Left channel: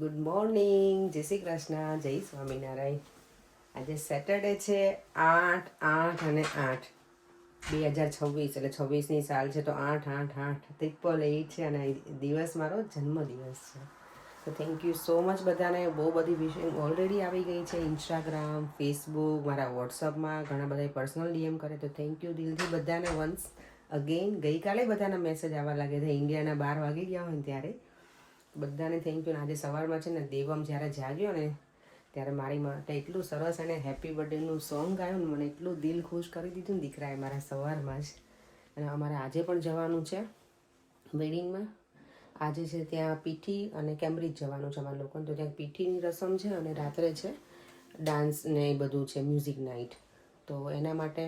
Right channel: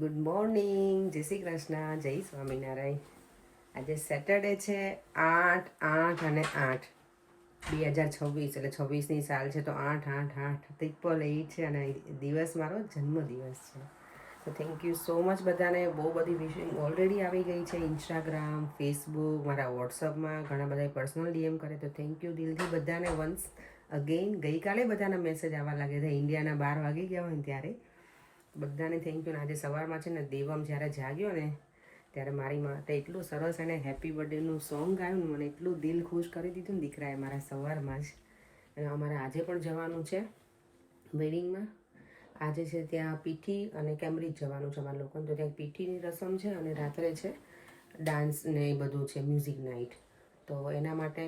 Good morning, જય શ્રી કૃષ્ણ, જય સ્વામિનારાયણ. આજે સેટરડે છે 8/8 2026 એટલે 26ની સાલ છે. તો 8/8 છે અને દિવસ મારો જન્મદિવસ છે. તો થેન્ક યુ સો મચ બધાને. બહુ બધી વિશિંગ ઓલરેડી આવી ગઈ છે. ઇન્સ્ટાગ્રામ, ફેસબુક, મારા વોટ્સઅપમાં ઘણા બધા પર્સનલ ડીએમ કરે. તો થેન્ક યુ દિલથી બધાને વન્સ અગેન. ગઈકાલે બધાના મેસેજ આવવા લાગે છે ઇન્ડિયાના 12 વાગી ગયા હોય ને ત્યારે. બધાને થેન્ક યુ. ને આજે સવારમાં છે ને દેવમ જ્યારે જાગ્યો ને ત્યારે મારી માટે એટલું સરસ એને હેપી બર્થડેનું સોંગ ગાયું ને મને એટલું દિલ ખુશ કરી દીધું ને દીકરાએ મારા સવારમાં જ. અને અમારે આજે પણ જવાનું છે વેડિંગમાં. આજે છે ત્યાં પીઠી અને કેમ્બ્રિજ જવાનું છે અમારા લોકોને. તો ત્યાં પીઠીની રસમ છે અને રાત્રે છે ડાન્સ ને એ બધું છે, મ્યુઝિક નાઇટ. તો એના માટે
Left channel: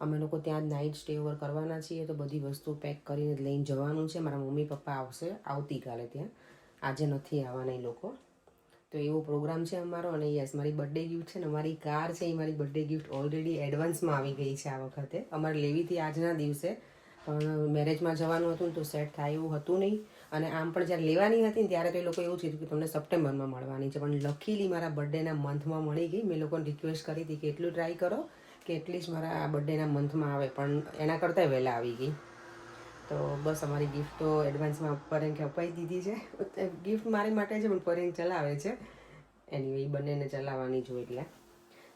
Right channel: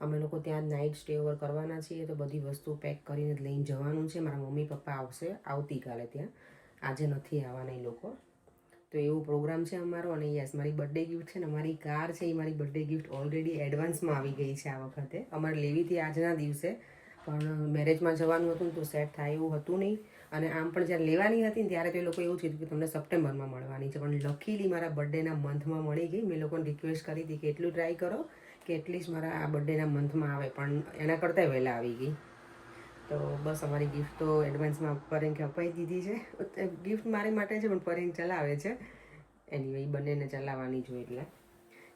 અમે લોકો ત્યાં નાઇટ સ્ટે ઓવર કરવાના છીએ. તો બધી વસ્તુ પેક કરીને લઈને જવાનું છે. મારા મમ્મી પપ્પા આવશે આવતીકાલે ત્યાં, આજે નથી આવવાના એ લોકો. તો એવો પ્રોગ્રામ છે અમારો. અને યસ, મારી બર્થડે ગિફ્ટ છે ને અમારી કાર છે એ મારી બર્થડે ગિફ્ટ ઓલરેડી એડવાન્સમાં આવી ગઈ છે આ વખતે. અમારે લેવી હતી આજના દિવસે, પણ મેરેજમાં જવાનું હતું ને તો સેટ થાય એવું હતું નહીં. અને આમ પણ જ્યારે લેવાની હતી ને ત્યારે તો એ લોકો એવું કીધું કે તમને સપ્ટેમ્બરમાં મળવાની છે. પણ લકીલી મારા બર્થડેના મંથમાં મળી ગઈ. મેં લોકોને રિક્વેસ્ટ કરી હતી કે એટલું ટ્રાય કરો કે એટલીસ્ટ મારા આ બર્થડેના મંથમાં આવે, પણ એના કરતાં વહેલા આવી ગઈ. તો બસ અમારી ગિફ્ટ તો એડવાન્સમાં પરેંગ અપાઈ દીધી છે. ગિફ્ટ મારી માટે છે પણ પરેંગ ચલાવે છે. એનીવે બંનેને ચલાવવાની જો એટલે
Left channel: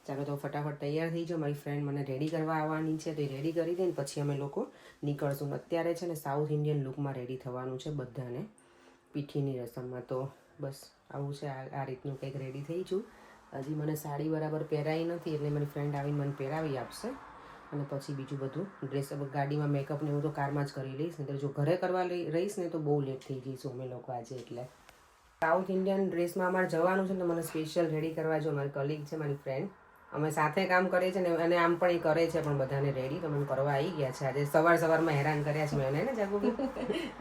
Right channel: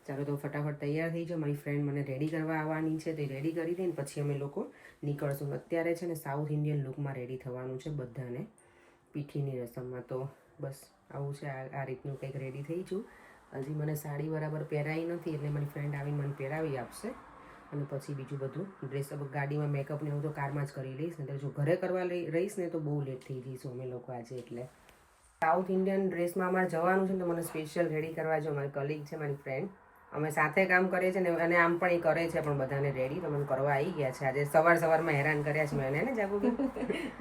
ચાલો તો ફટાફટ તૈયાર થઈ જાઓ. મારી ફ્રેન્ડ મને રેડી કરવા આવવાની છે તો એ રેડી કરી દે ને પછી અમે લોકો નીકળશું. અત્યારે છે ને સાઉથ ઇન્ડિયન લુકમાં રેડી થવાનું છે બધાને પીઠીની રસમમાં. તો બસ આવું છે, આ રીતનું કંઈક રેડી થઈ છું. હજી મને સાડી બરાબર પહેરાઈ નથી એટલે મારી ફ્રેન્ડ આવીને મને પહેરાવી આપશે. અને પછી બીજું બધું ડ્રેસ ગાડીમાં મેકઅપ ને હું તો કારમાં જ કરી લઈશ. ને જો ઘરે કરવા રહીશ ને તો બહુ લેટ થઈ જઈશું અમે લોકો આજે. એટલે સાઉથ ઇન્ડિયન ડ્રેસમાં અમારે જવાનું છે ને તો મને સ્પેશિયલ રેડી કરવા જો મારી કલીગ છે, મારી ફ્રેન્ડ, અમે સાથે કામ કરીએ છીએ ને અને આમ પણ એ કરે છે પણ બધાને રેડી તો મને કરવા આવી ગયા છે. આજે સવારમાં હેરાન કર્યા છે મેં એને જાગુબી.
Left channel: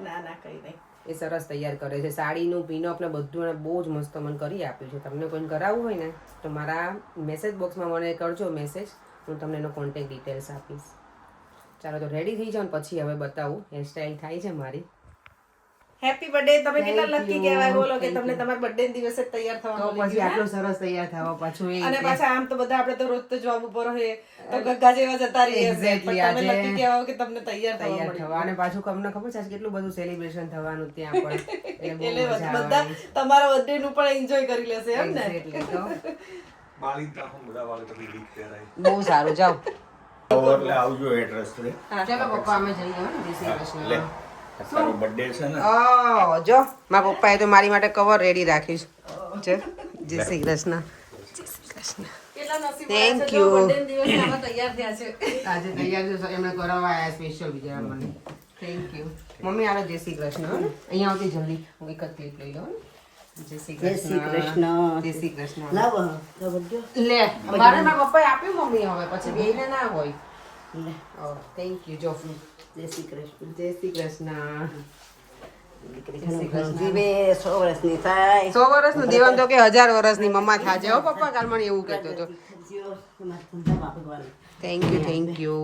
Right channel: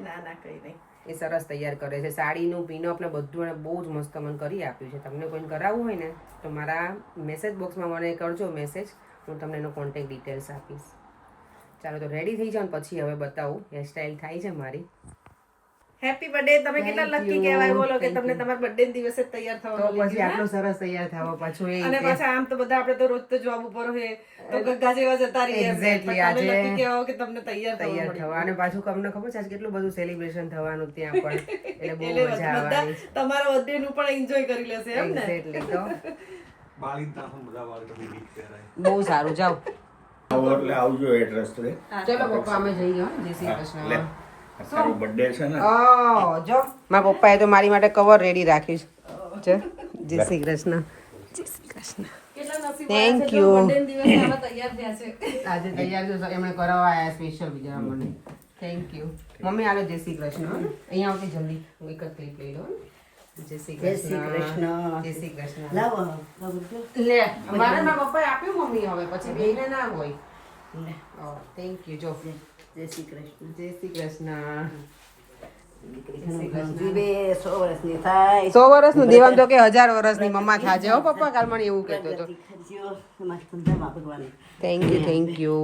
ના ના કંઈ નહીં, એ સરસ તૈયાર કરે છે. સાડીનું પિનઅપ ને બધું એને બહુ જ મસ્ત મને કરી આપ્યું છે. તમને કોઈને કરાવવું હોય ને તો મારા મેસેજ બોક્સમાં મને કરજો મેસેજ, હું તમને એનો કોન્ટેક્ટ ડિટેલ્સ આપીશ. ચાલો તો રેડી થઈ જાઓ ને પછી હવે બતાવું હેરસ્ટાઈલ થાય છે મારી. Happy birthday. તમે કેટલા Thank લકી you. કહેવાય બોલો કે Thank તમને you. તમારા બર્થડે દિવસે જ તૈયાર તો થવા મળી પછી ગયું, આટલો સરસ તૈયાર થવા પાછું એ અને પાછા આમ તો બધા આપણે તો રોજ તો જોબ ઉપર હોય તો ગગ્ગા જેવા જતા રહીએ. Exactly. પણ તમે આજે લકી કહેવાય કે તમને તૈયાર તૈયાર થવા થવા. અને પાછું તમને ખબર છે આજે કેટલું બધું સેલિબ્રેશન થવાનું ત્યાં પણ, એટલે બહુ મજા બધા આવવાની. તમારા બર્થડે નું પણ એન્જોય કરી લેશે એમ ને. Exactly. તો બધા વાળ તો ગીત પહેરાય. બહુ સારું. જાઓ એટલે આવજો એડ્રેસ લે. ચલો પપ્પા અમે જઈએ હો ને. જય શ્રી કૃષ્ણ. તારો બર્થડે છે ને? ઓ જો મારા પપ્પાએ તો મારી માટે કવર રેડી રાખ્યું છે. જય શ્રી કૃષ્ણ. જય શ્રી કૃષ્ણ. Thank you. તૈયાર થયા છે. આજે તૈયાર છે એમણે કરાવવા આવ્યા સ્પેશિયલ બીજા મને. Thank you mummy. આલો જય શ્રી કૃષ્ણ. હો ને અહીંયા આવતી જલ્દી હું એક જ ક્લિપ લઈ લઉં. જય શ્રી કૃષ્ણ. જય શ્રી કૃષ્ણ. લે મારે મારા પપ્પાએ આપ્યું મમ્મી. હવે પછી બેને ના હોય. Thank you. જો જય શ્રી કૃષ્ણ. જય શ્રી કૃષ્ણ. જીવે 100 વર્ષની થાય. 100 વર્ષનું દેવાન તો કે 1000 વર્ષની મમ્મા થાજે હો પપ્પા. કાલ મને એવું કહેતો હતો. Thank you. Thank you.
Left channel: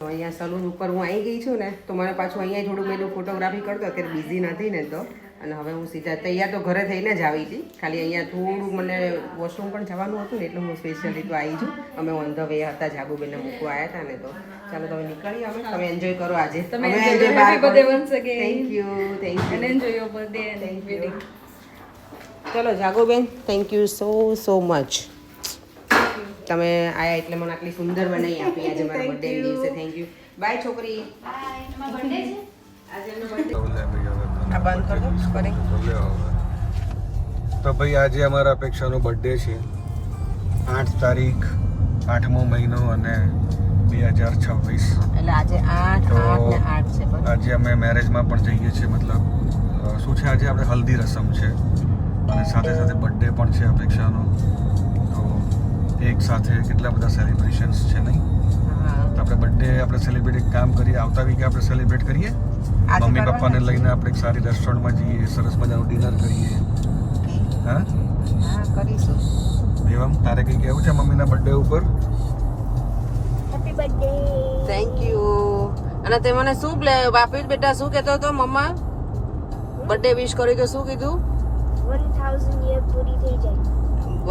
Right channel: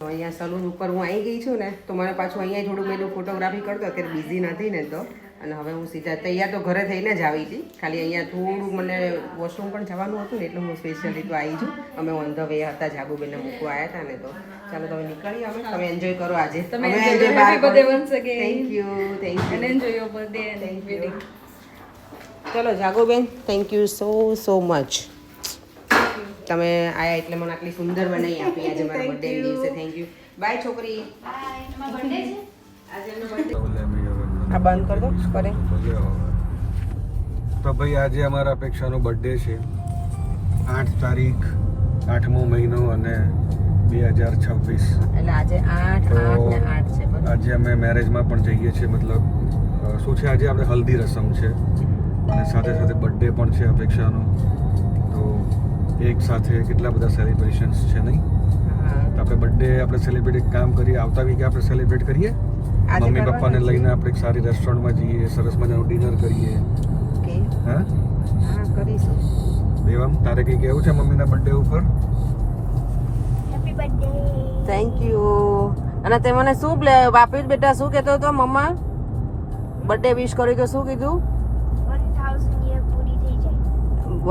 અહીંયા સલૂન ઉપર હું આવી ગઈ છું ને તો મને પાછું અહીંયા થોડું મેં ફોટોગ્રાફી કરતો અત્યારે બિઝી નથી ને તો. અને હવે હું સીધા તૈયાર તો ઘરે થઈને જ આવી હતી. ખાલી અહીંયા થોડું મને વોશરૂમ પણ જવાનું હતું ને એટલે હું સ્પેશિયલી તો આવી છું. અમે ઓન ધ વે હતા, જાગુબેનને મૂકવા આવ્યા હતા ને તો. ચાલો તમે નીકળીએ અમે. તમે એન્જોય કરો આજે. તમે અમે enjoy enjoy કરો. Happy બહાર birthday પણ. once again. Thank you. Thank you. And enjoy your birthday and wedding. ચલો જાગુબેન, થેન્ક યુ સો મચ. તમે આયા એટલે મને આટલી સુંદર બનાવી આપી આજે મારા બર્થડે દિવસે. Thank you. બાય છોકરી. આજે એમનો બર્થડે. આ બંધ કર દો કરે. તો ભાઈ આજે અમારા અપેક્ષાનો બર્થડે છે. 8 તારીખ 8મો મહિનો અને 2026. એટલે આજે 8 ને 8 છે. આજે અમે મેરેજમાં પણ જઈએ છીએ. મતલબ શું છે આજે આપણે હલ્દી રસમ છે અને સાથે સાથે બર્થડે પણ છે અપેક્ષાનો. તો એક સાથે કેટલા બધા સેલિબ્રેશન્સ છે નહીં. તો આપણે બર્થડે આપણે સેલિબ્રેટ કામ કરીએ. આવતા વીકે આપણે સેલિબ્રેટ કરીએ. મમ્મી પપ્પાને લઈને આપણે એક સારી રેસ્ટોરન્ટમાં જઈએ, સરસ મજાનું ડિનર કરીએ. હા કરીશું. એવા તારે કંઈ કહેવું છે મમ્મીના બર્થડે ઉપર? Thank you. અને તે મને શું આપ્યું બેટા? શું કહેતો હતો મમ્મા? બર્થડે વિશ કરી તો શું કીધું? 1000 years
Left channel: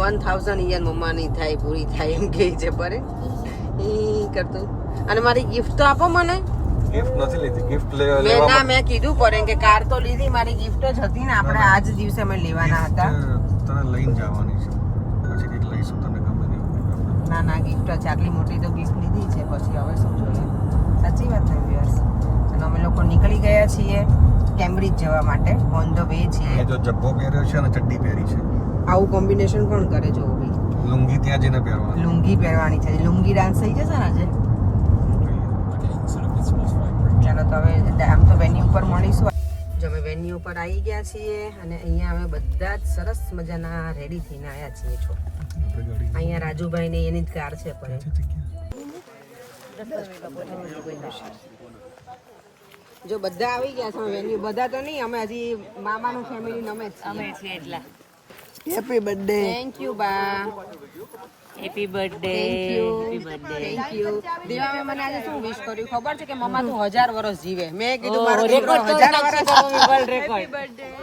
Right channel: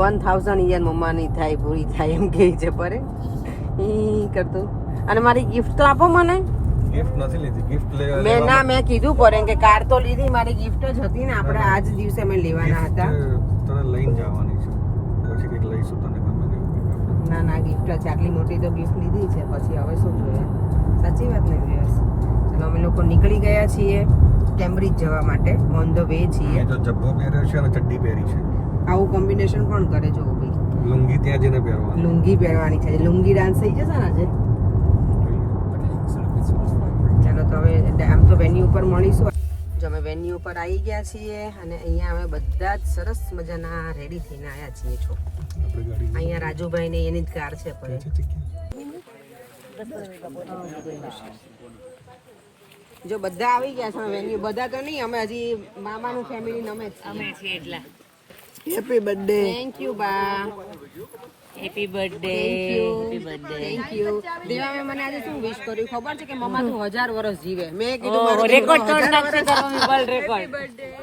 1000 યર મમ્માની થાય પૂરી થાય એમ કહે છે પરે ઈ કરતું. અને મારી ગિફ્ટ તો આપો મને. ગિફ્ટ નથી લીધી, ગિફ્ટ મેં કીધું પડે કે કાર તો લીધી, મારી ગિફ્ટ જ હતી ને, આપણે આજ દિવસે અમે લેવાના હતા. તને લઈને જવાની છે, પછી કંઈક લઈશું તને ગમે તેવું. ના ગિફ્ટ છે, આટલી મોટી તો ગિફ્ટ લીધી છે, પછી હવે શું જોઈએ. સાચી વાત ને વ્યુઅર્સ. ચલો અમે લોકો નીકળી ગયા છીએ કેમ્બ્રિજ જવા માટે, ઓન ધ વે છીએ. જો જબ્બો પહેર્યો છે અને ચડ્ડી પહેરી છે, આવું કોમ્બિનેશન કોણ કરે જો ભાઈ. લુંગી ત્યાં જઈને પહેરવાની. લુંગી પહેરવાની છે, લુંગી ડાન્સ થઈ જશે ને આજે. ચાલો તો હવે આમ તો વેન્યુ ઉપર મળીશું. જો અમે વેન્યુ ઉપર આવી ગયા છીએ અને અહીંયા અમે બધા જ સરસ મજાના રેડી થઈને આવ્યા છીએ. છો આપણે ગાડી અહીંયા રાજુભાઈ ને એની જ કાર છે પડે. જો બધા આવી ગયા છે વેન્યુ, બધા તો નહીં, અમે હજી મામાનું ફેમિલી અમે છીએ એટલા. Happy birthday. થેન્ક યુ બા. Happy birthday. Thank you. દેવા મને આજે શું વિશ કર્યું ખબર છે કે મમ્મા તું 1000 વર્ષ જીવે. મેં કીધું મારો રેકોર્ડ તોડ નાખશે તમે વર્લ્ડ રેકોર્ડ.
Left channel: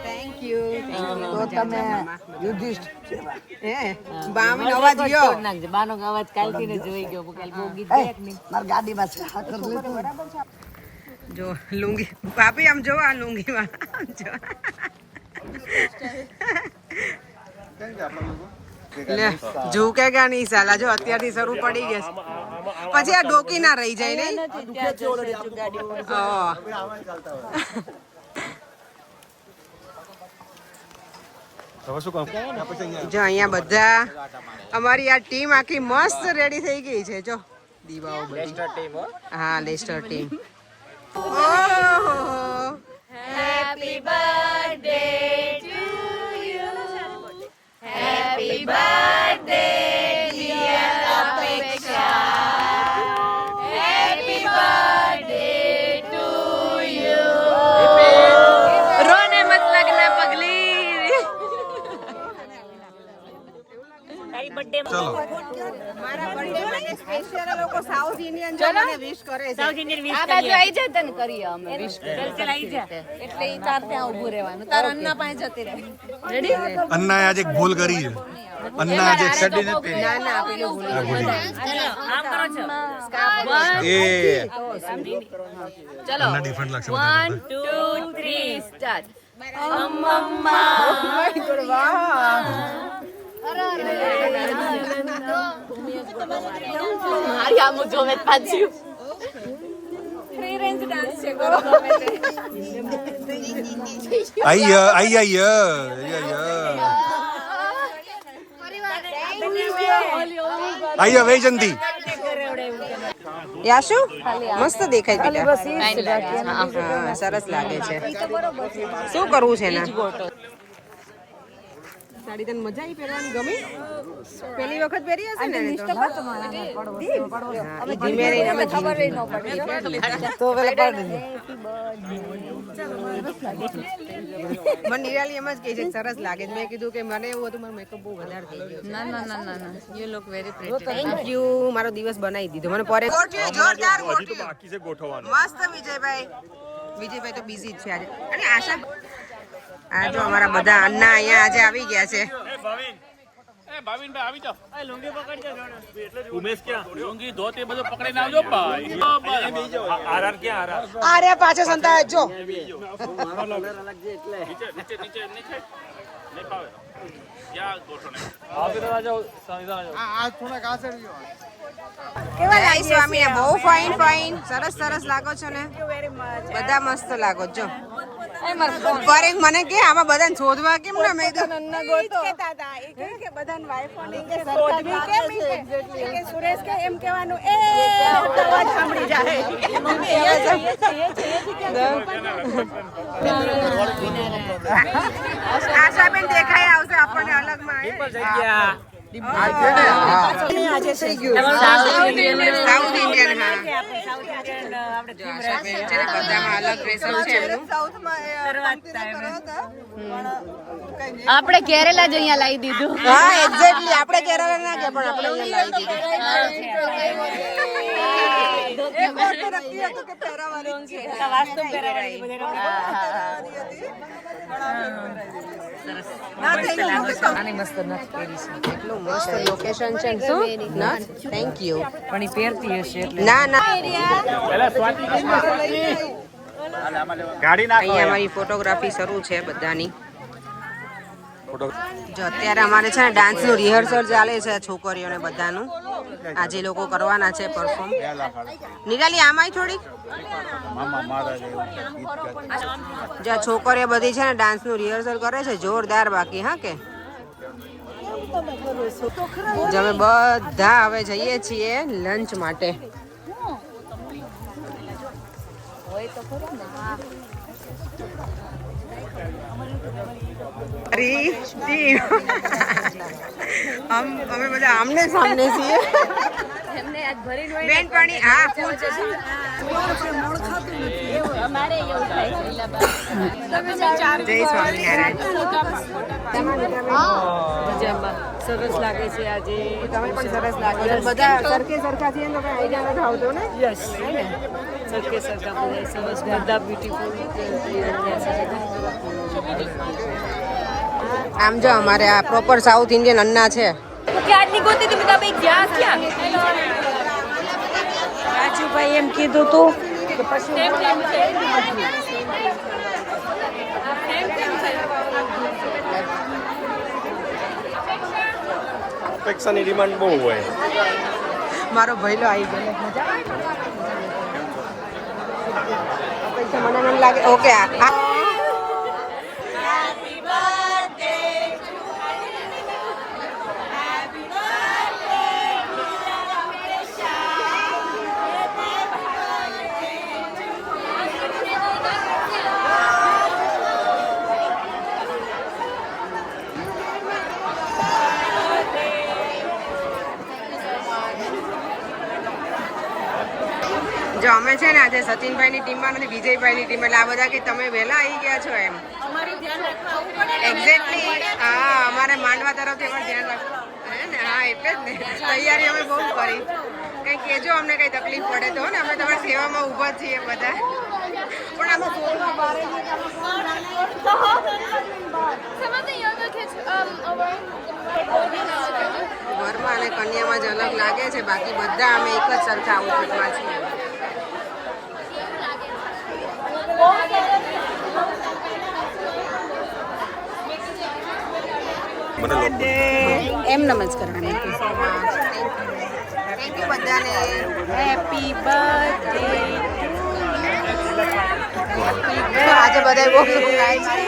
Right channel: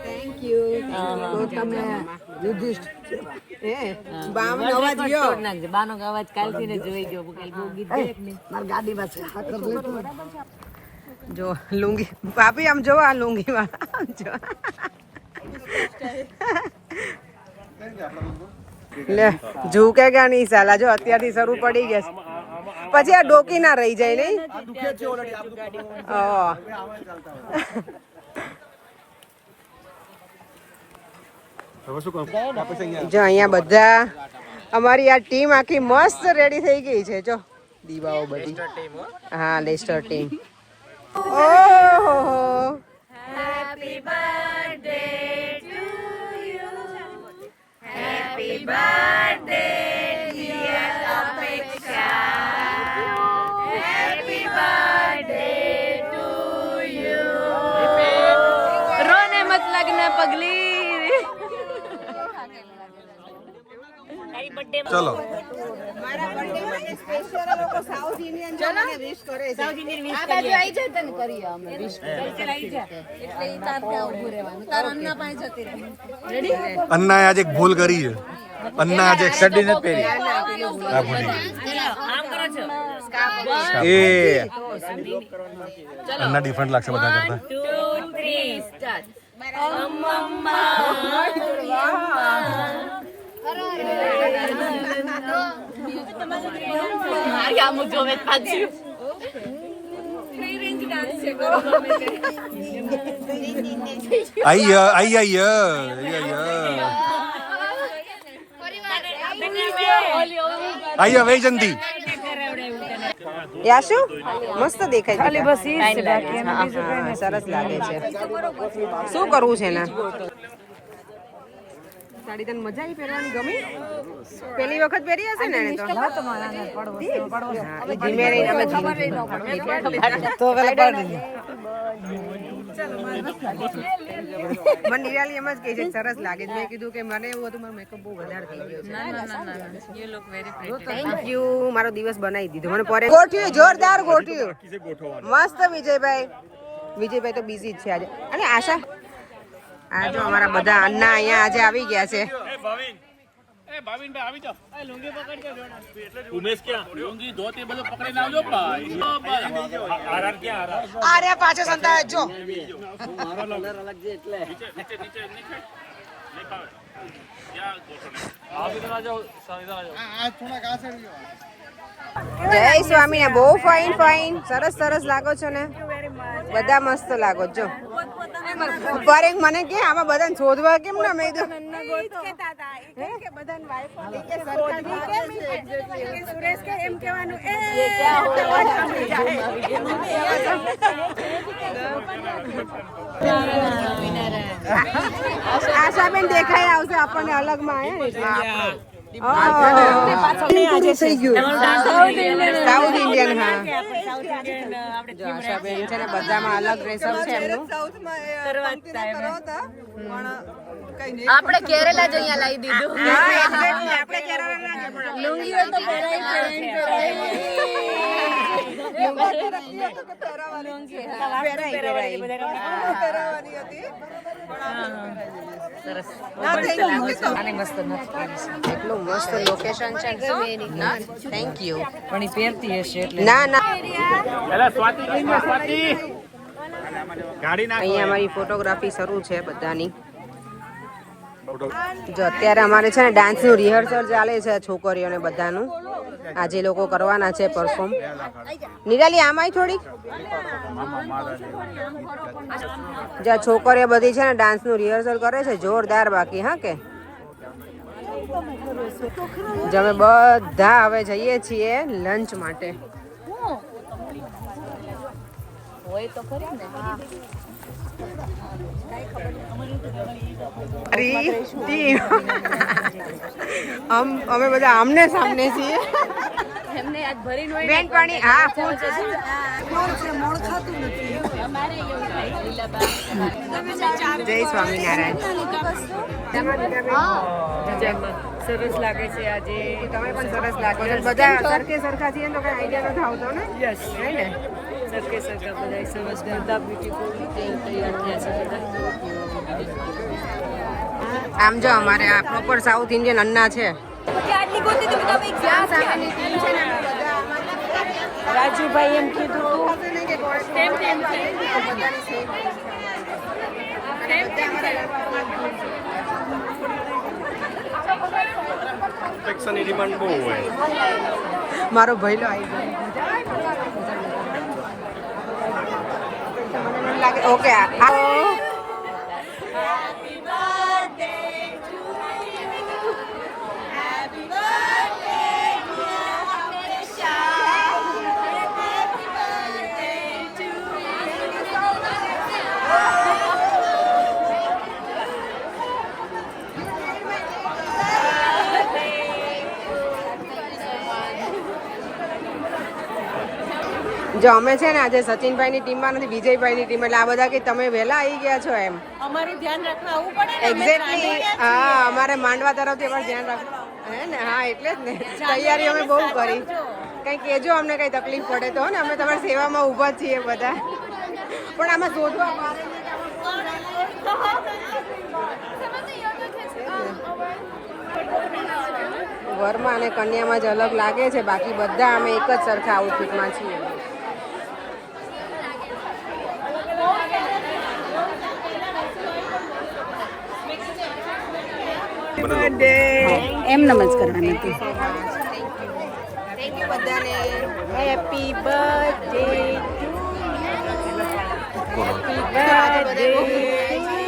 Thank you. તો તમે યુધિષ્ઠ હે બાનો અવાજ ગયો તોડ નાખજે. બાનો અવાજ કાલથી ને જોઈ ગયો. કાલ બહુ ગીત ગાય નહીં માર ગાડીમાં છે. જો લુંગી ભાભી આમ જો આ લુંગી વાળા જો લે ઝૂકેગા નહીં સાલા. જો અત્યારથી શરૂ પડી ગયા છે, પછી આ ડોકી ના રહી જાય નહીં. જો અહીંયા બધા અમારી આ ટીમ આખી મસ્ત રેડી થઈ ગઈ છે. જો દીવાઓ બધી. હા લેસ્ટર ટીમ. ઓહો happy birthday to you. Happy birthday dear Apeksha. Happy birthday to you. રોને મત લગના પગલી. ચલો મારા બર્થડે માટે સ્પેશિયલ લોકો સાઉથ ઇન્ડિયન જો મને વિશ કરે છે. સાઉથ ઇન્ડિયન વિશ આ બાજુ આવી જાય તને કરીએ અમે વિશ ચાલ આવી જા. એટલે ઈ ચાર ત્યાં ઊભું રહેવાનું. તાર અન્ના પાસે જતી રહે. રેડી? અન્નાએ આજે એક ભૂલ કરી છે. અન્ના આજે એક સડી ના ના પેલું ભૂલ. આમ કરો છો. એ અન્ના ડિફરન્ટ લાગશે બધા કરતા. 2 3 સ્ટાર્ટ. મારી આમ જોવે પાછું ફ્રી રેન્જ ડાન્સ છે બરોબર. આઈયા વૈજંતી. યાશુ મસ્ત દેખાય બેટા. હા સરસ લાગે છે. શું કરવું છે ને સાડી તને મજા આવી પહેરવાની ગમી? પહેલી વખત પહેરી હશે ને એને તો. હા એ ધીમે રહીને અમે ધીમે તો પેલા પાડી મને નિરાલી એમ જ કહે છે સરસ લાગે છે. મેં કીધું કે મને એવું હતું મારો મેકઅપ બહુ વધારે થઈ ગયો છે. ના you look very pretty. Thank you. મારો દિવસ બનાવી દીધો મને. પર ગોઠ્યું જોરદાર ગોઠ્યું મસ્ત. વિજયભાઈ તો બિઝી જ છે આજે. અને આશા આ જો અમારા બધા અન્ના અહીંયા આજે આવી ગયા છે. ભાવિનભાઈ આવી જાઓ. લુંગી પકડજો જોણે. ઉમેશ ક્યાં? લુંગી ધોતી બધું પકડીને આવજો ભાઈ. આરઆર ક્યાં? આરે પાછો સંતાય જો. મારો કલર અલગ છે એટલે. નીચે નહીં ફાવે. ક્યાં ગોઠવણ? આ દરવાજો આ થોડા કાસે ગયો. જય સ્વામી. બહુ ફાઇન સરસ લાગો છો ને બધા. મસ્ત લાગો છો. પર એક મને કે આમાં બધાને શોધવા કેમ ના મેં આશાબેન દેખાઈ આવશે આપણને અલગમાં. South Indian. હા આશાબેન છે ને બધામાં અલગ ડ્રેસઅપ છે એમનું. આપણે કેરેલા જ અહીંયા લાવી દીધું. હા એક્ઝેક્ટલી આપણે કેરળ ના ગયા પણ આપણે અહીંયા લાવી એટલું મસ્ત લોકેશન છે ને શું થેન્ક યુ પણ ઈ પહેરતી હશે એટલે ના ના અહીંયા અમારી ફોટોગ્રાફી શરૂ છે બધાની જો અત્યારે અમારે છે ને ડાન્સનું રિહર્સલ ચાલે છે છોકરીઓને બધાનું આજે લોકો કરવાના છે પરફોર્મ નિરાલી આમાંય થોડીક જો છોકરીઓ બધી છે ને ડાન્સનું રિહર્સલ કરે છે જોરદાર બાકી હા કે જો અમે બધા હવે જઈએ છીએ લંચ માટે અમે બધા આમને સામને છીએ બેન પાણી હા ફૂલ જય સ્વામિનારાયણ સરસ લાગે છે આજે. તમે પણ સરસ લાગો છો બધા સરખે સરખા છીએ ને તો કઈ આઈડિયા નથી આવતો ને યસ હે ને સરખે સરખા બધા સરસ બધા બ્યુટીફુલ તૈયાર થયા છે બધા. આમ જો અમારે આ પ્રોપર સાઉથ ઇન્ડિયન અન્ના છે રાજુભાઈ એમ કીધું તું ડિમાન્ડ બહુ હોય. મારો ભઈલો આવી ગયો મને એમ લાગે ઓકે જો અમે છે ને આજે સચિનભાઈની ટીમમાં નથી વિજયભાઈની ટીમ એટલે આ બધા કે તમે વહેલા આવી ગયા છો એમ અમારું ધ્યાન રાખવા આવવું પડે ને. એક્ઝેક્ટલી હા અમારે માંડવા તરફથી પણ ધ્યાન રાખવું હે ને હા એટલે જ ને તૈયારી અમે બહુ કરી કંઈ કહેજો અમને કંઈ તકલીફ પડે તો ને અમે તમારી સેવામાં ઊભા જ છીએ બધા પણ અમે શોધવા બારે વરમાં અને કન્યામાં જ અલગ લાગે છે બાકી બધા અમે એક જ સરખા આઉટફિટમાં છીએ એમ નમજ કરવાની. થેન્ક યુ બધાને હેપી બર્થડે આજે બધા બહુ ગાય છે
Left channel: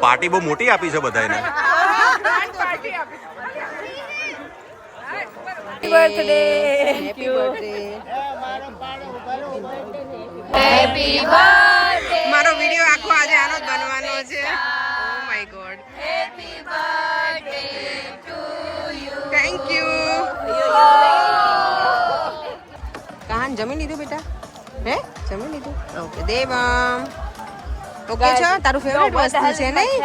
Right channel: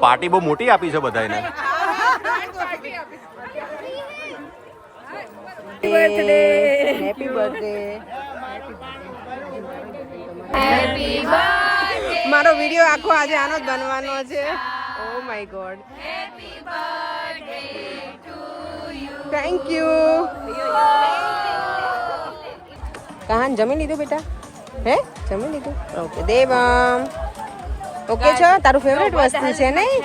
પાર્ટી બહુ મોટી આપી છે બધાને. હેપી બર્થડે હેપી બર્થડે મારો વિડિયો આખો આજે આનો જ બનવાનો છે oh my god thank you Kahan જમી લીધું બેટા હે જમી લીધું ઓકે દેવમ ઓકે છો તારું ફેવરેટ વસ્તુ છે નહીં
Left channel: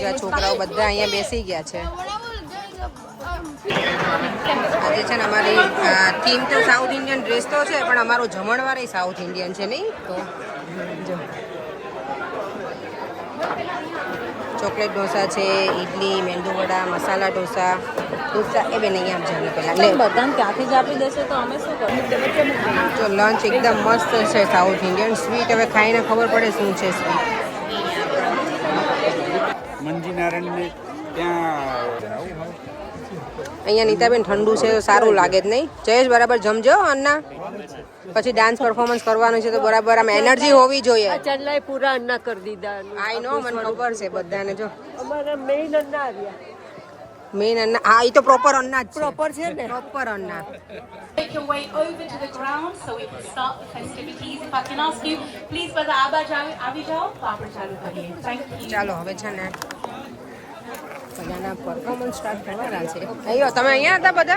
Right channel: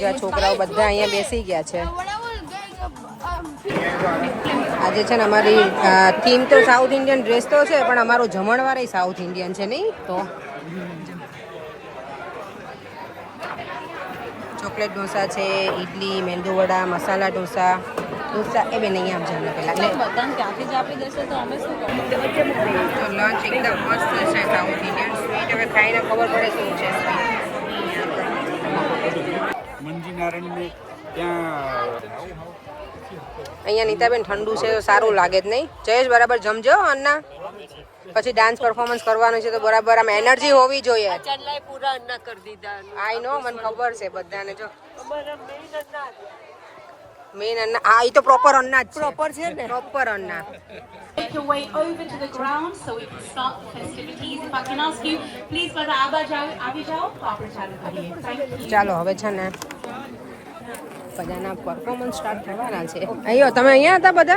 જો છોકરાઓ બધા અહીંયા બેસી ગયા છે આજે છે ને અમારી થીમ તો સાઉથ ઇન્ડિયન ડ્રેસ તો છે પણ અમારો જમણવાર સાઉથ ઇન્ડિયન છે નહીં તો જો ચોકલેટ ઢોસા છે ઇડલી મેંદુ વડા મસાલા ઢોસા એ બેન અહીંયા આમ જમે પહેલાં ત્યાંથી જ આપી દેશે તો અમે શું કરીએ? તો લંચ એકદમ મસ્ત છે સાઉથ ઇન્ડિયન સ્વીટ હવે ખાઈને ખબર પડે શું છે સ્વીટ મંજીનારાયણને ત્યાં અહીંયા નીતાબેન ઠંડુ છે તો સારું લાગે જ નહીં જયેશ બરાબર જમજો અન્ના પછી ડાન્સ પરફોર્મન્સ કરવાનું છે તો બરાબર આમ એનર્જી હોવી જોઈએ ચાલાય પૂરા અન્ના કરી દીધા. આઈ નો મને ખબર છે બધાને જો અમારા મેઇન અન્ના આવ્યા. મેન અન્ના હા એ તો પ્રોપર અન્ના જ પ્રોપર છે ને proper Anna Make your way over to the ground so we can start the festivities. If I can ask you, please, બધા આબા આવી જાઓ તો આપણે ચાલુ કરીએ. Thank you. ચાલો હવે છે ને બધાના પરફોર્મન્સ સ્ટાર્ટ થવાના છે. અહીંયા તમે અહીંયા હતા બધા?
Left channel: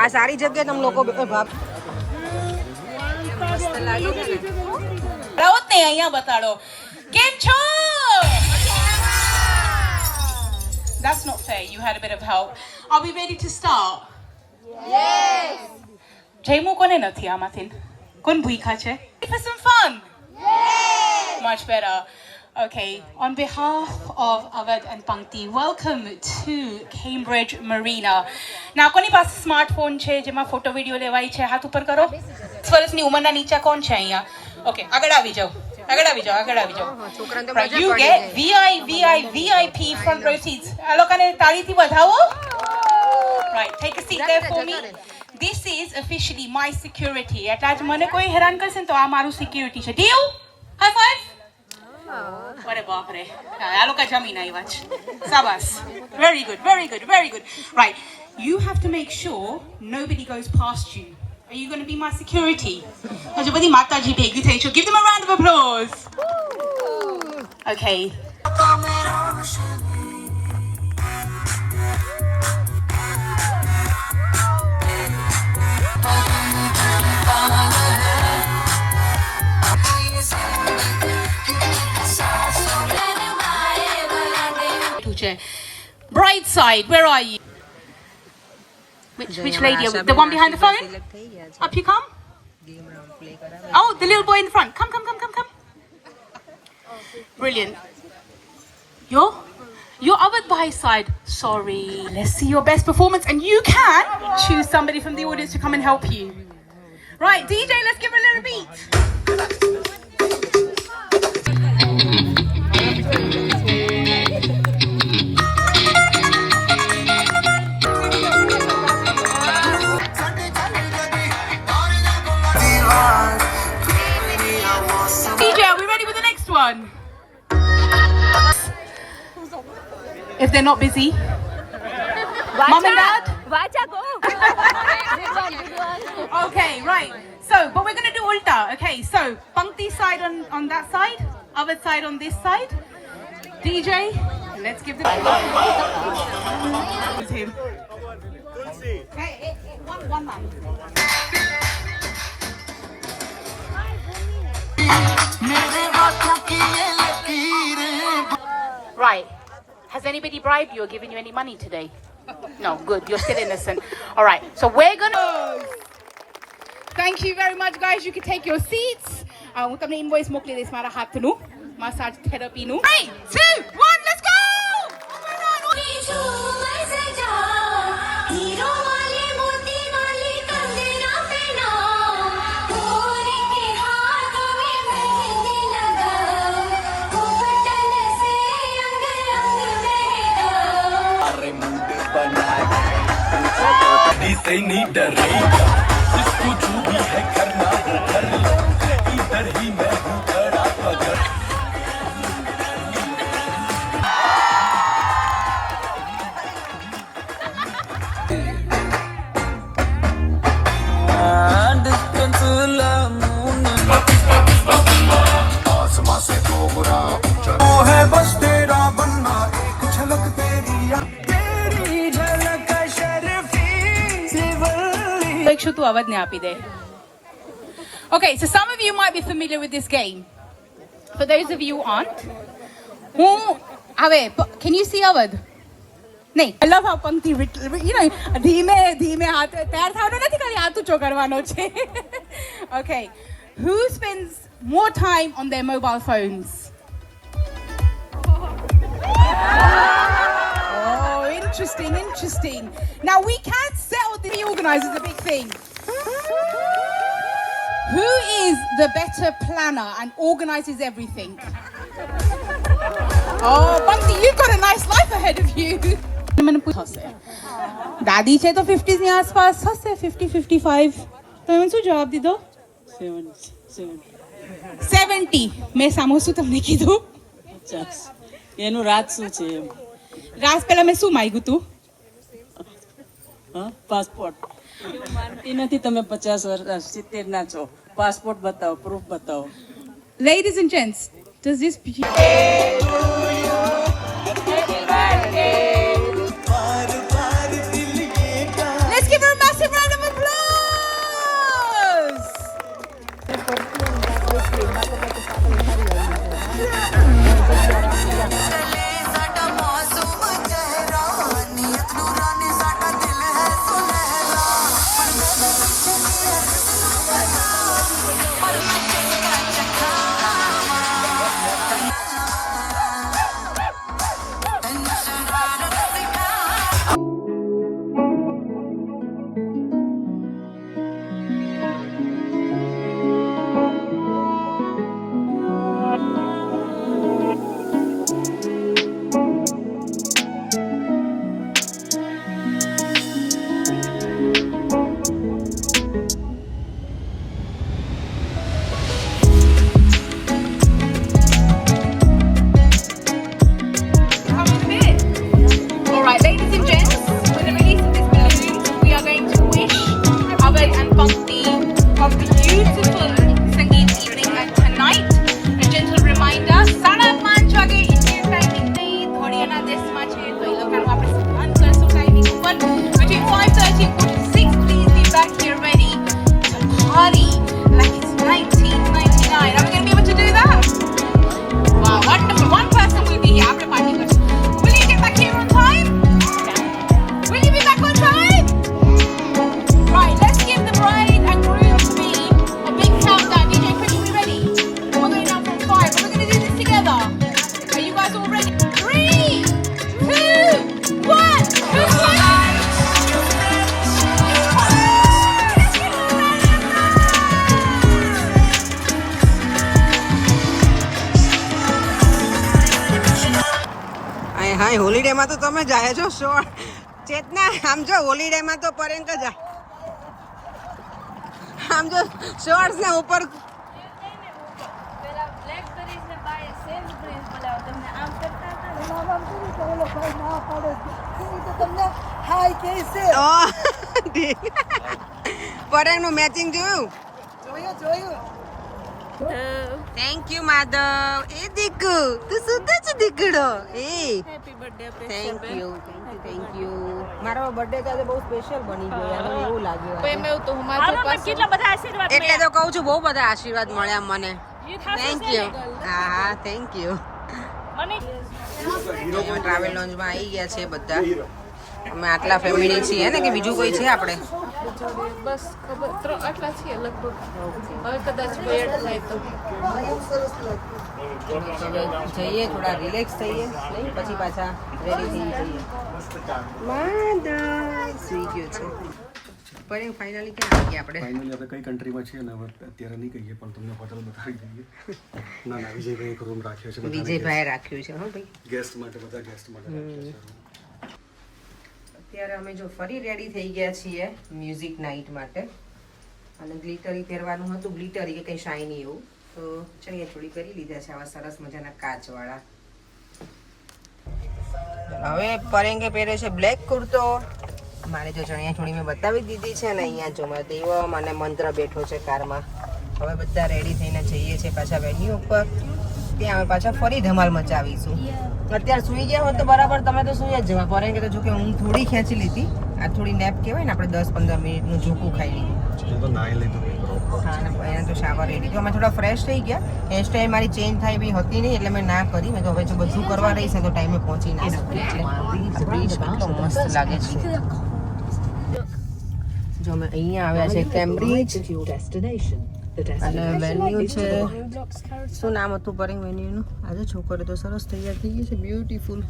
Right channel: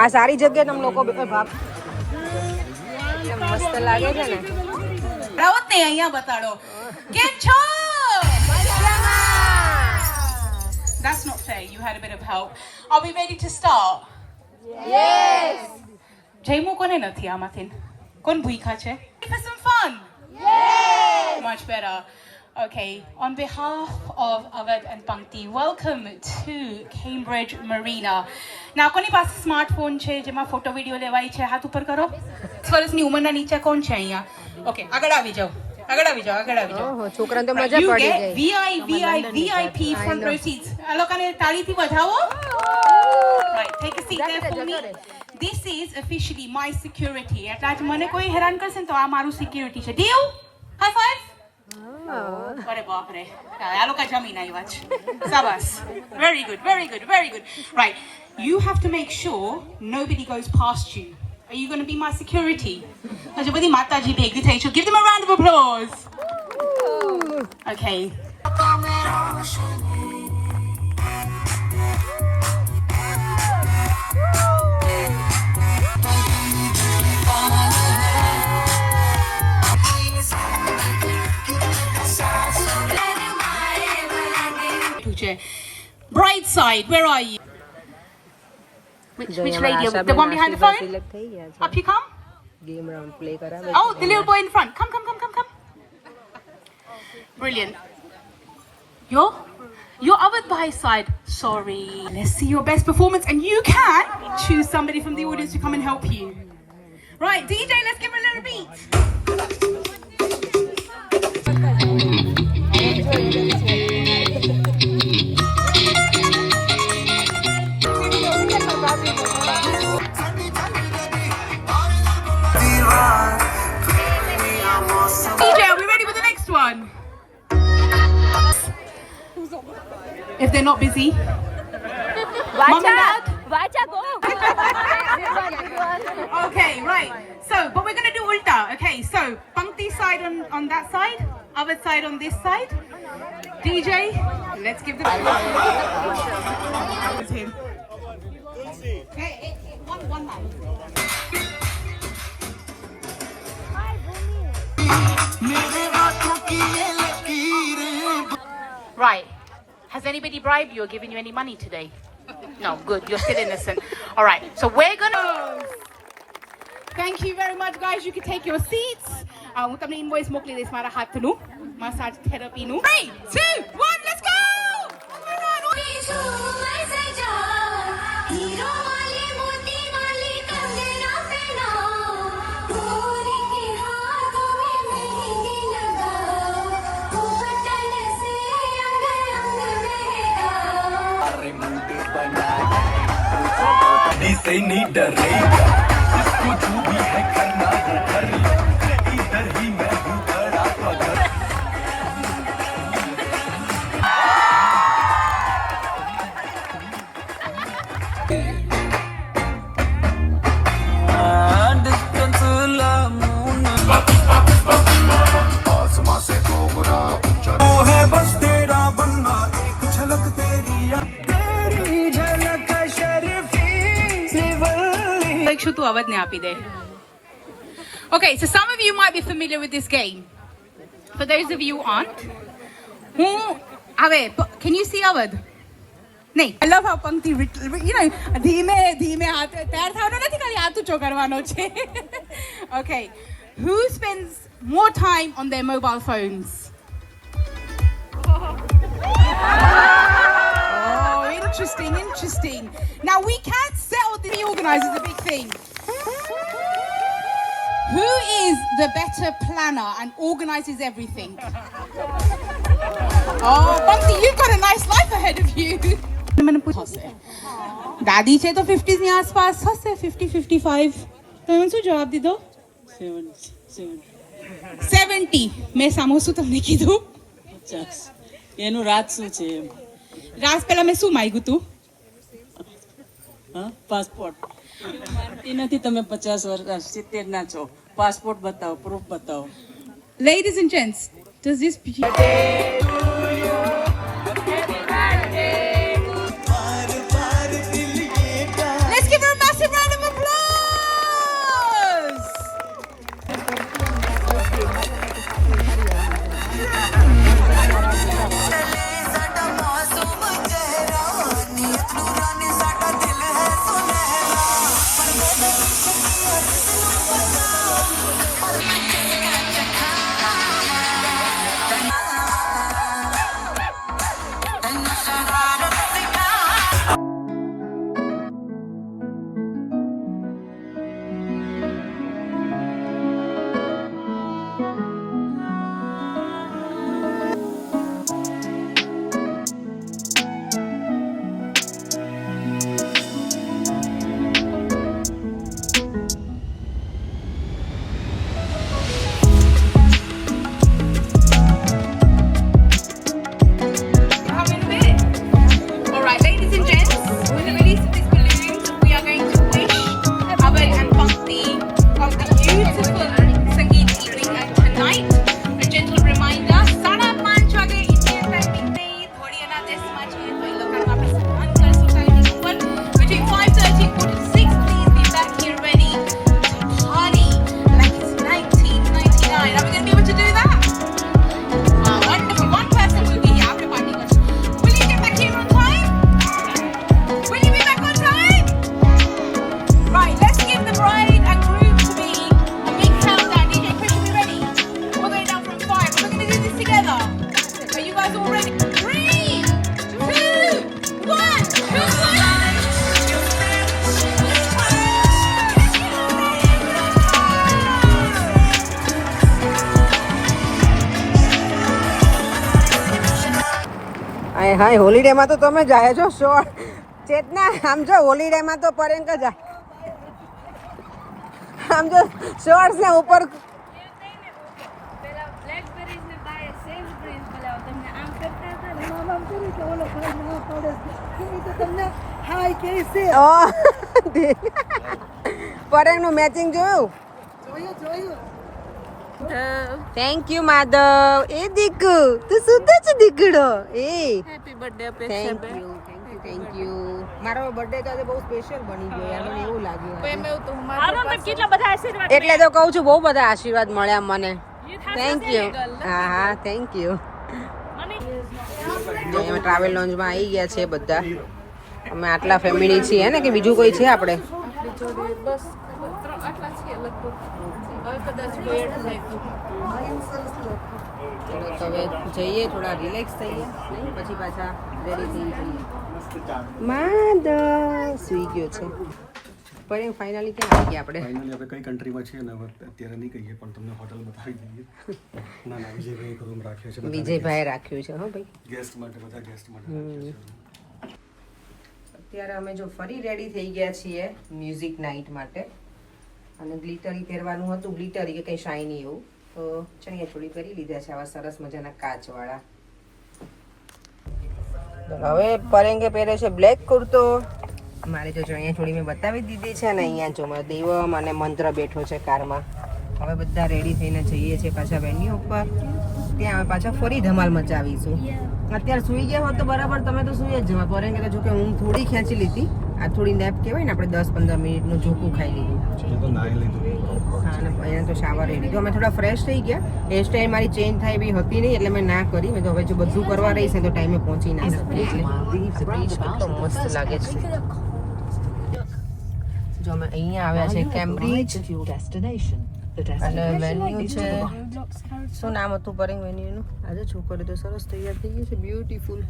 આ સારી જગ્યાએ તમે લોકો ભાગ મસ્ત લાગે છે ને. રાવત ને અહીંયા બતાડો કેમ છો. That's not fair. You had a bit of help. Are we ready to start? Yes. જયમુ કોને નથી આમાંથી? કોણ ભૂખા છે? For some fun? Yes. Much better. Okay. On behalf of Aved and Pankti, welcome to Cambridge Marina. ના કોની પાસે smartphone છે જેમાં ફોટો વિડીયો લેવાય છે? હાથ ઉપર કરો. 10 વર્ષની ઉંમરના નીચે કોણ છે અહીંયા? ઓકે, આગળ આવી જાઓ. છોકરાને તો મજા પડી જાય. VIP front row seats. આ લોકોને તાળીથી વધાવો. Right, take a seat there for me. This is officially my security. એટલે આજ મને કોઈ હેરાન કરશે ને તો આ મારું સિક્યુરિટી છે. Deal? High five? અરે બાપ રે, આ લોકો જમીન આવ્યા છે. શાબાશ. Very good. Right, you have to make sure nobody goes past you. Are you going to be my security? Hajુ બધી માતાજી ભેગી થઈ છો. Give them a round of applause. Okay. Bride side, where are you? Which lady? The one behind the phone? Up you come. Oh, the little boy in the front. Come. Brilliant. You're Aved Bhai's side. Sorry. Let's see your best performance, and you can choose somebody from the audience to come and help you. Right, DJ, let's give a little beat. If they're not busy. Mom and Dad? Vacha, go. Good one. Okay, right. So, but we're going to do ulta. Okay, so Pankti side on that side, Aved side on this side. DJ, let's give the... him. Hey, one man. Right. Has anybody bribed you or given you any money today? No, good. You're still innocent. All right. So we're gonna. Thank you very much, guys. You can take your seats. હું તમને invoice મોકલી દઈશ મારા હાથનું massage થેરાપીનું. 3, 2, 1, let's go. से नहीं डरेगा जिसको जो भी है करना वो कर लो इधर ही मैं हूँ खड़ा पकड़ आसमां से तो बुरा वो है बस तेरा बनना एक झलक तेरी to Aved ne api de. Okay, so some of you might be familiar with this game. For those of you who aren't, can you see Aved? No. I love how Pankti, ધીમે હાથ તૈયાર થવાનો નથી ખાલી હાથ ઊંચો કરવાનો છે. Okay, who spends more time on their mobile phones? Interesting. Now we can't settle the organizers a big thing. Who is the better planner and organizes everything? Oh, Pankti, you've got a nice life ahead of you. દાદી છે તો 50s ની આસપાસ હશે, 50-55. તમે શું જવાબ દીધો? 70. મેં સામો શું તમને કીધું? 50. એનું રાત શું છે એમ? રાસ પહેલા મેં શું માગ્યું તું? હા, પાસપોર્ટ. એવું માનતી નથી તમે 50 વર્ષ 70 ના છો. પાસપોર્ટ બતાવો, પ્રૂફ બતાવો. Ladies and gents, does this હા હોલિડેમાં તો તમે જાય છો ચેતના આમ જો હોલિડેમાં તો પરેંક જાય આમ જો શોર્ટ્સ ને ઉપર પરેંગ નું મેચિંગ જોયું થેન્ક યુ માધવ એ દીકુ તું સુધા છે દીકડો એ happy birthday thank you thank you મારો બર્થડે તો આજે બહુ સ્પેશિયલ બની ગયો યાર મને એવું લાગ્યું આજે. કેટલા બધા આશીર્વાદ એટલે તો કહું છું બહુ બધા આશીર્વાદ મળ્યા મને થેન્ક યુ હા હા થેન્ક યુ ટ્રાવેલ લોન્જમાં આવી ગયા છે બધા અમે આટલા ફેમિલી છીએ ને કે બીજું કોઈ છે આપણે બસ ખબર આટલા છે લગભગ હવે કદાચ વેટ થાય તો તો હવે જઈએ થોડા રિલેક્સ થઈએ નહીં પછી પાછા રેડી થઈ જઈએ માધવ સુઈ ગયો છે પણ ફાઇનલી ક્યાં આવી ગયા આપણે ફાઇનલી આપણે કઈ કન્ટ્રીમાં છીએ ને હવે અત્યારે નહીં કહીએ પણ તમને હોટલ બતાવી દઈએ ના ના વિજયભાઈ એક રૂમ રાખ્યો છે વિજયભાઈ રાખ્યું છે હો ભાઈ ગેસ્ટ માટે બધા ગેસ્ટ માટે અત્યારે અમે જો ફરી રેડી થઈ ગયા છીએ મ્યુઝિક નાઇટ માટે અને ગ્લિટરી પહેરવાનું હતું ગ્લિટરી કે કંઈ શાઇની એવું તો ચણિયા ચોળી પહેરી લીધા છે આવા સરસ મજાના કાચવાળા હવે પરેંગે પહેરે છે બ્લેક કુર્તો મારી તો ચણિયા ચોળી મેં બતાવી દીધી છે અને અહીંયા જો મારા દેવમ અને મંત્ર બેઠો છે કારમાં હવે બધા રેડી થઈને જઈએ છીએ પાછા વેન્યુ ઉપર ત્યાં અમે પાછા ફરી ધમાલ મચાવીશું અત્યારે સુઈ ગયા હોત તો બરાબર તમે તો સુઈ જ જવા પડે કે જો કે હું થોડી ખેંચી લીધી આ થોડી નેપ કહેવાય ને આપણે 10-15 મિનિટનું ઝોકું ખાઈ લીધું હા અને અહીંયા તો શાવર રેડી તો અમે થોડા ફ્રેશ થઈ ગયા હેર સ્ટાઈલ મારી ચેન્જ થાય એવી હતી નહીં એટલે મેં ના કરી મેં તો હવે જો બધું કરવા રહીશ ને તો ટાઈમે પહોંચી ના શકીએ બ્રિજ કેટલો મસ્ત લાગે છે જો અમે અહીંયા આવ્યા છે કેમ્બ્રિજ અને વેન્યુ છે શું નામ હતું પરેંગ વેન્યુનું આજે છોકરો તો સરસ તૈયાર થઈ ગઈ છે બ્યુટીફુલ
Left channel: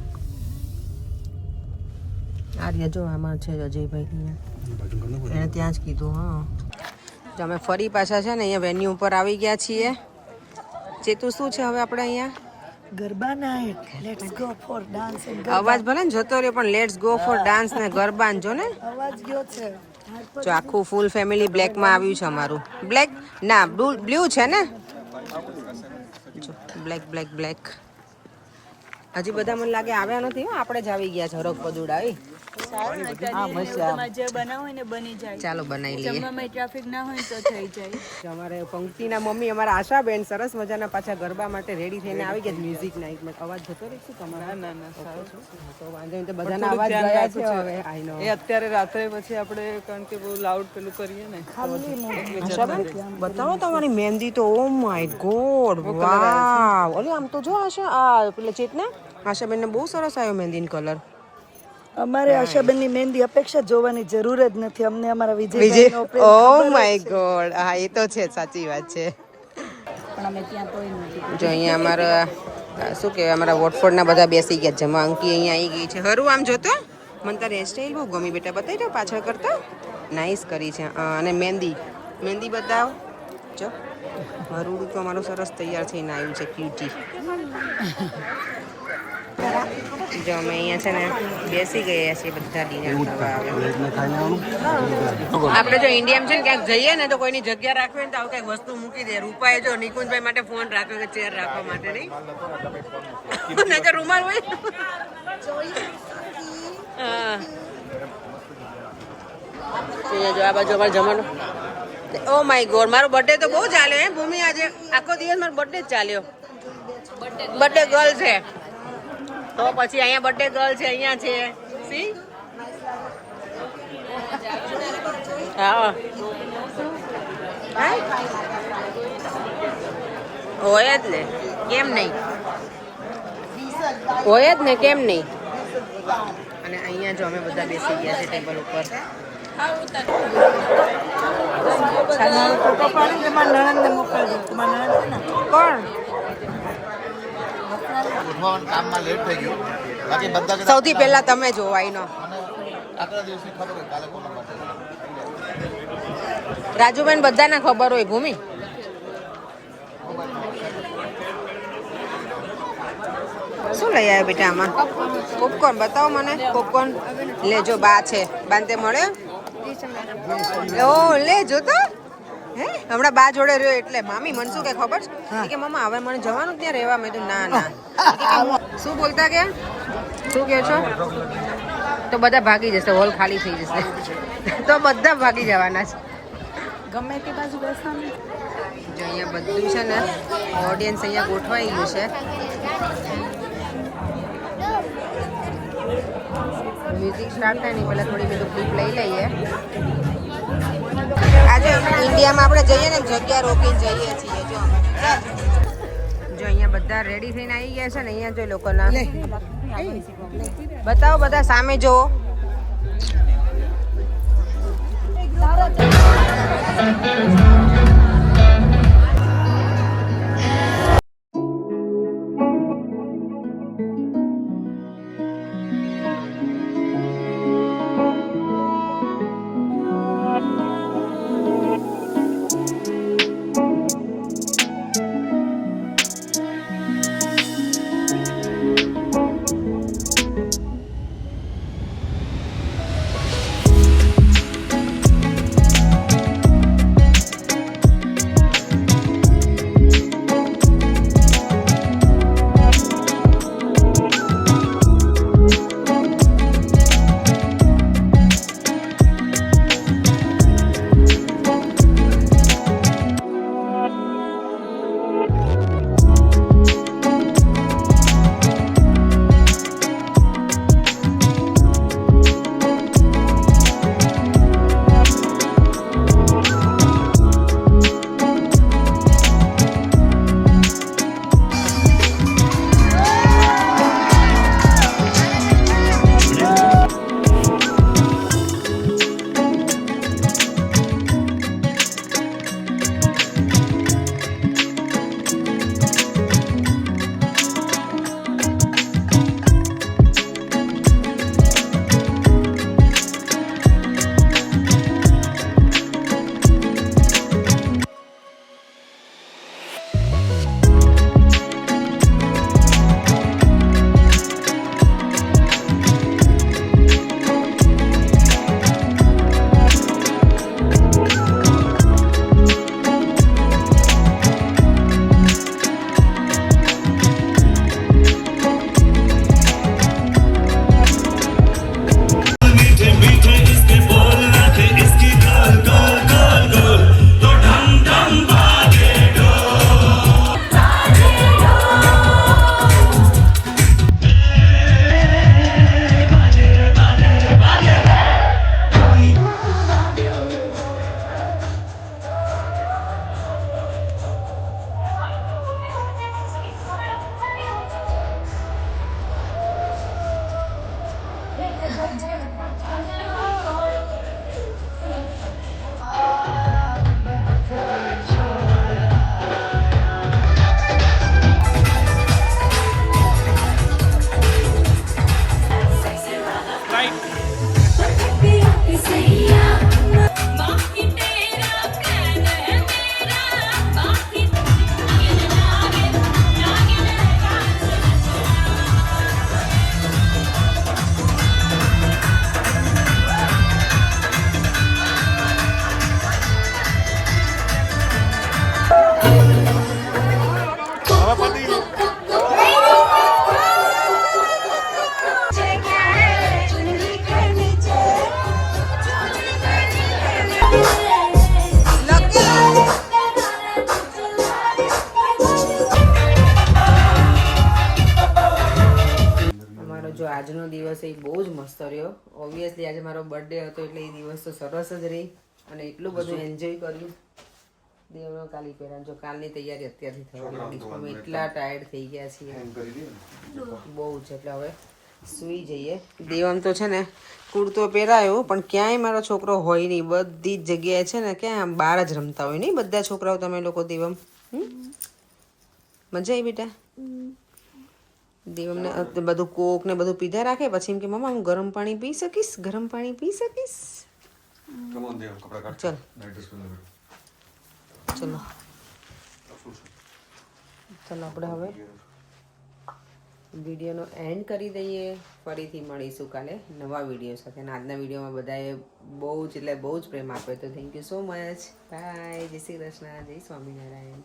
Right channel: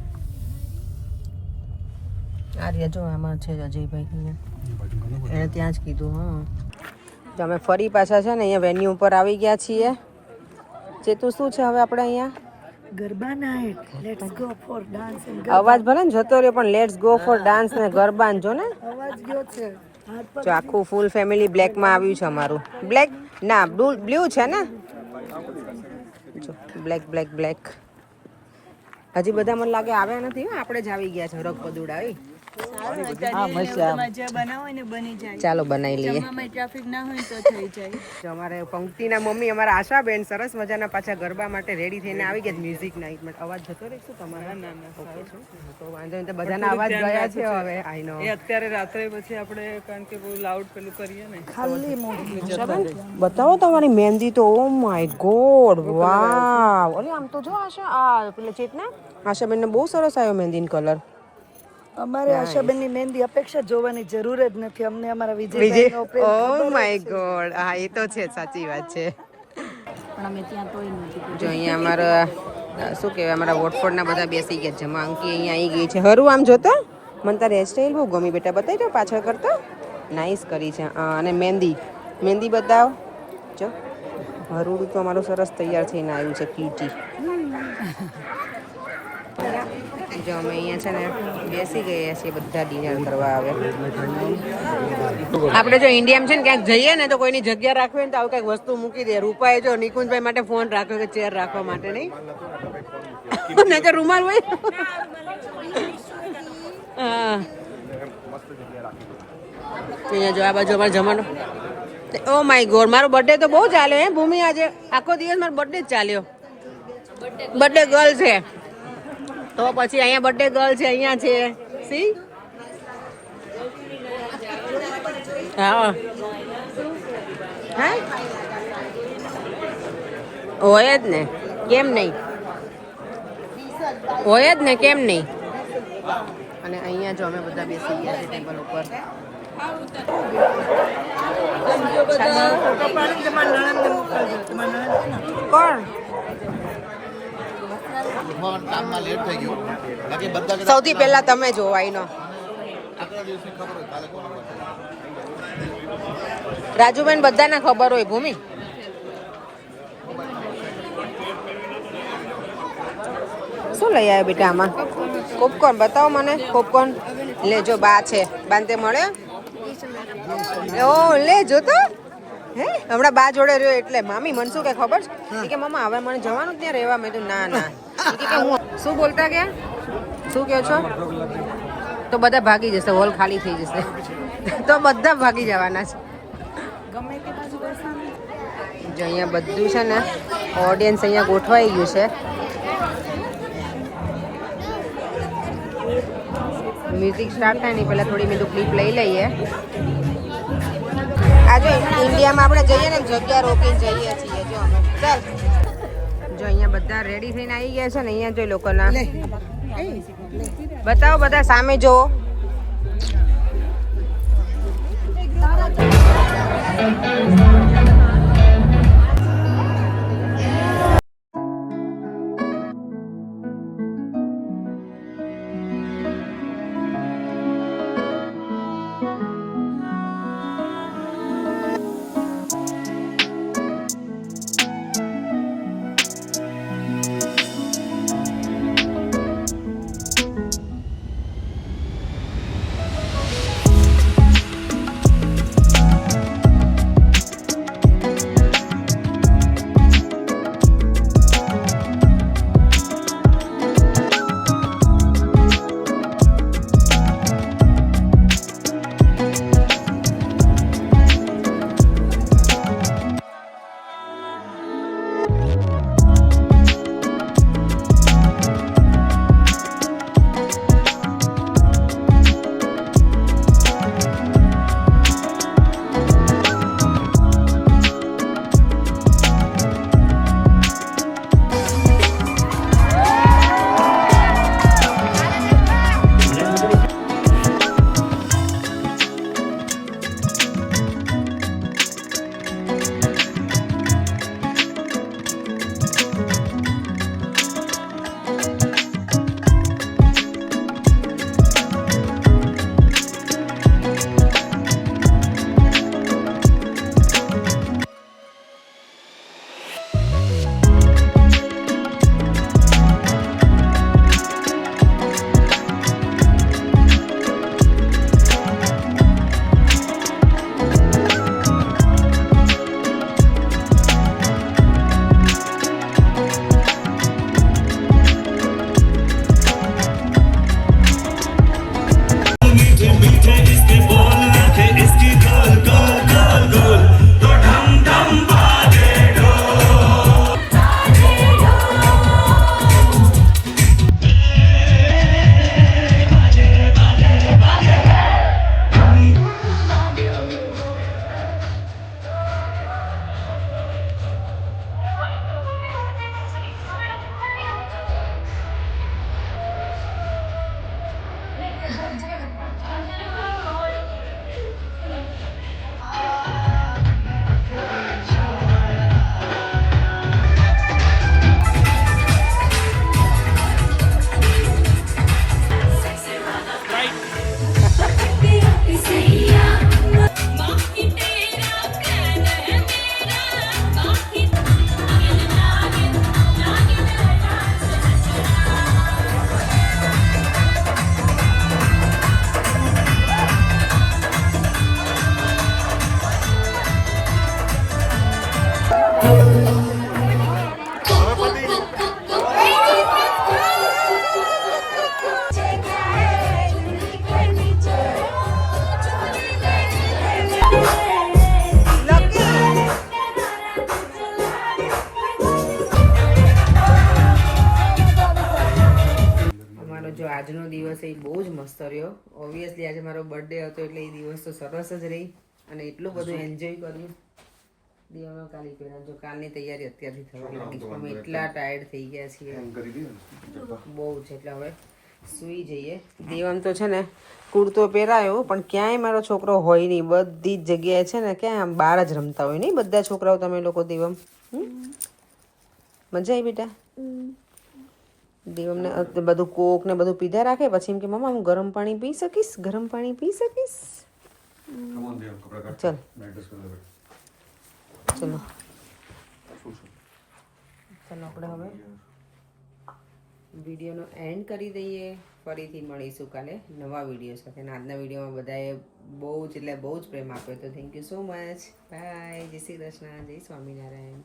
આર્ય જો આમાં છે અજયભાઈ એને ત્યાં જ કીધું હા જો અમે ફરી પાછા છે ને અહીંયા વેન્યુ ઉપર આવી ગયા છીએ ચેતુ શું છે હવે આપણે અહીંયા garba night let's go for dance and અવાજ ભલે ને જતો રહ્યો પણ લેટ્સ ગો ફોર ડાન્સ ને ગરબા જો ને અવાજ ગયો છે જો આખું ફૂલ ફેમિલી બ્લેકમાં આવ્યું છે અમારું બ્લેક ના બ્લુ છે ને જો બ્લેક બ્લેક બ્લેક હજી બધા મને લાગે આવ્યા નથી હો આપણે જ આવી ગયા છે હરક પદુડાવી ચાલો બનાવી લઈએ ટ્રાફિક ના હોય તો થઈ જાય અમારે પંક્તિના મમ્મી અમારા આશાબેન સરસ મજાના પાછા ગરબા માટે રેડી થઈને આવી ગયા મ્યુઝિક નાઇટમાં અવાજ જતો રહે શું તમારો ઓકે તો વાંધો નહીં તો બધાના અવાજ ગયા છે હવે આઈ નો અત્યારે રાત્રે પછી આપણે કારણ કે બહુ લાઉડ પેલું કરીએ ને આશાબેન બતાવો તમારી મહેંદી તો ઓ માય ગોડ વાવ અરે આમ તો જો આ પેલા ચેતના આશાબેનને બહુ સરસ આવ્યો મહેંદીનો કલર અમારે આશાબેનની મહેંદી અપેક્ષા જોવાની જરૂર જ નથી અમને અમારા વિજય ઓ માય ગોડ હા એ તો છે સાચી વાત છે પણ અમે ત્યાં તોય નથી જો અહીંયા અમારા શું કહેવાય અમારા વોટફોર્ડના બધા બેસી ગયા છે અંકી અહીંયા આવી ગઈ છે હરું આમ જોતો મને તારી હેરસ્ટાઈલ બહુ ગમી બેટા બતાવી દો પાછળ કરતો નાઇસ કરી છે અને મહેંદી બતાવો જો હરુડું તો અમારું સરસ તૈયાર થઈને આવ્યું છે ક્યુટી જો અમે અહીંયા છે ને બેસી ગયા છીએ બધા ડિનર કરવા આવે આપણે જો ઇન્ડિયામાં છે ને ક્યાંક જઈએ ને તો કોઈની જગ્યા રાખવી ને તો આવું કંઈક વસ્તુ મૂકી દે રૂપાએ જો નિકુંજભાઈ માટે ફોન રાખ્યો કે ચેર રાખવા માટે નહીં નહીં તો રૂમાલ હોય હા અહીંયા જો આ બાજુ અમારે જમવાનું ઓ માય ગોડ મારો બર્થડે તો બહુ ચાલ્યો હે ભૂમિ આજે આખો દિવસ મારો બર્થડે જ ચાલ્યો બર્થડે ગર્લ છે હવે પછી અહીંયા બર્થડે ગર્લ છે અહીંયા છે સી હોય જ ને કેમ નહીં હોય જ ને કેમ નહીં અને અહીંયા જો અમે બધા બેસી ગયા છે ટેબલ ઉપર કોણ કામમાં લેટ થઈ ગયું બાકી બધા સૌથી પહેલા તમે જોવાય નો રાજુબેન બધાને ખબર હોય ભૂમિ શું લઈ આવ્યા બેટા આમાં? પોપકોર્ન બતાવો મને. પોપકોર્ન લેજો, બા છે, બાંધે મળે. ઓ લેજો તો. હે હમણાં બા જોડે રહ્યો એટલે મામી મને શું કે ખબર છે કે મમ્મા હવે મને જવાનું ત્યાં રહેવા. મેં તો ના ના. કે હું શું બોલતા ગયા? શું કહો છો? તો બધા ભાગી જશે, હોલ ખાલી થઈ જશે તો બધા ભાગી જવાના છે. જો અહીંયા બધું છે ને ઓડિયન્સ અહીંયા ગોઠવાઈ ગયું છે. મ્યુઝિક સ્ટાર્ટ થાય ને પહેલાં થોડી મેં તો ક્લિપ લઈ લઈએ. આજે ઇન્ડિયામાં આપણે જઈએ ને જગ્યા રોકીને જઈએ છીએ. જો અમે ચાલ જો અહીંયા બધા રેડી થઈને આવી ગયા છે ને. અહીંયા જો લોકોના બતાવો, બધા સામે જોવો. આજનો દિવસ એ બહુ જ મસ્ત રહ્યો. ઓબ્વિયસલી આજે મારો બર્થડે હતો એટલે એ દિવસ તો સરસ જ રહી અને એટલું બધું એન્જોય કર્યું. દેવનો કાલી પહેરા જો કાલની તૈયારી અત્યારથી થવા લાગી છે. અમે એટલા ટાયર્ડ થઈ ગયા છીએ બહુ જ, એટલે હવે સૂઈ જઈએ. દેવમ તો છે ને કુર્તો પહેરાયો પણ ક્યાંય મારો છોકરો હોય નહીં. બધી જ જગ્યાએ છે ને ક્યાંય આમ બહાર જ રમતા હોય નહીં બધા છોકરાઓ. તમે લોકો દેવમ મજા આવી બેટા? દેવમને બધું કોક ને બધું પીધા રાખે પછી એમ કે મમ્મા હું ગરમ પાણી પી શકીશ, ગરમ પાણી પી શકીશ. ચલ ચલો ચલો આપણે હવે વિડીયોનો એન્ડ કરી દઈએ. ફરીથી મળીશું કાલે નવા વિડીયો સાથે. અને આજના વિડીયોમાં બધાએ બહુ જ પ્રેમ આપ્યો તો thank you so much. Bye. જય શ્રી કૃષ્ણ. જય સ્વામિનારાયણ.